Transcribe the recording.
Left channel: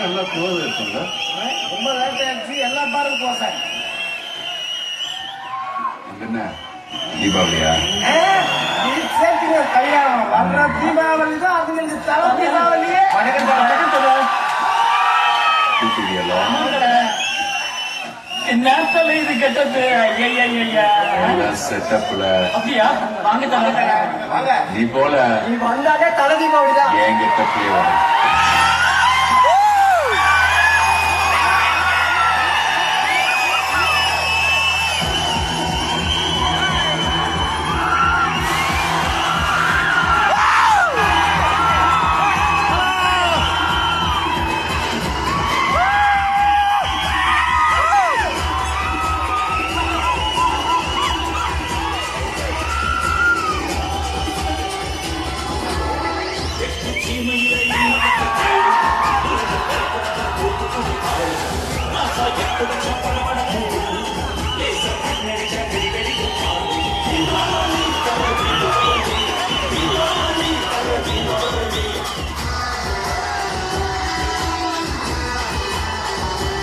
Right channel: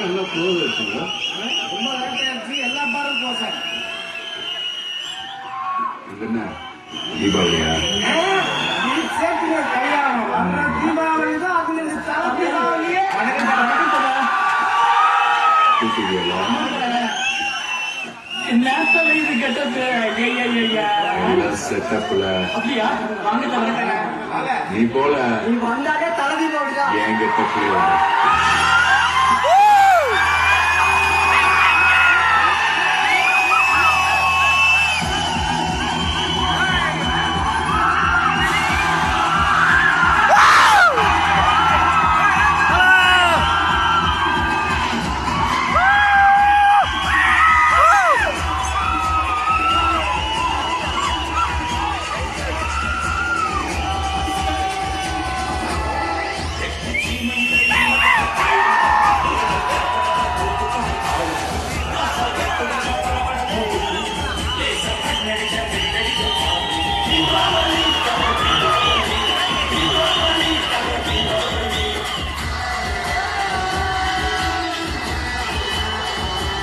நல்லா தோது இருக்குங்க. ரொம்ப லேட் ஆயிடுச்சு. எல்லா பாரும் போட்டாங்க. என்ன தீபாவளியா? சேர்த்துங்க கல்யாணம் வர்ற தீபாவளி தான். அதுல தலை தீபாவளியே நேரத்துல இது கெட்டது. செட்டப்ல அப்படியா? வாங்க நீ போல நீ வந்தாலே தலை தீபாவளி தான். என் கெட்டப்லயே Thank you.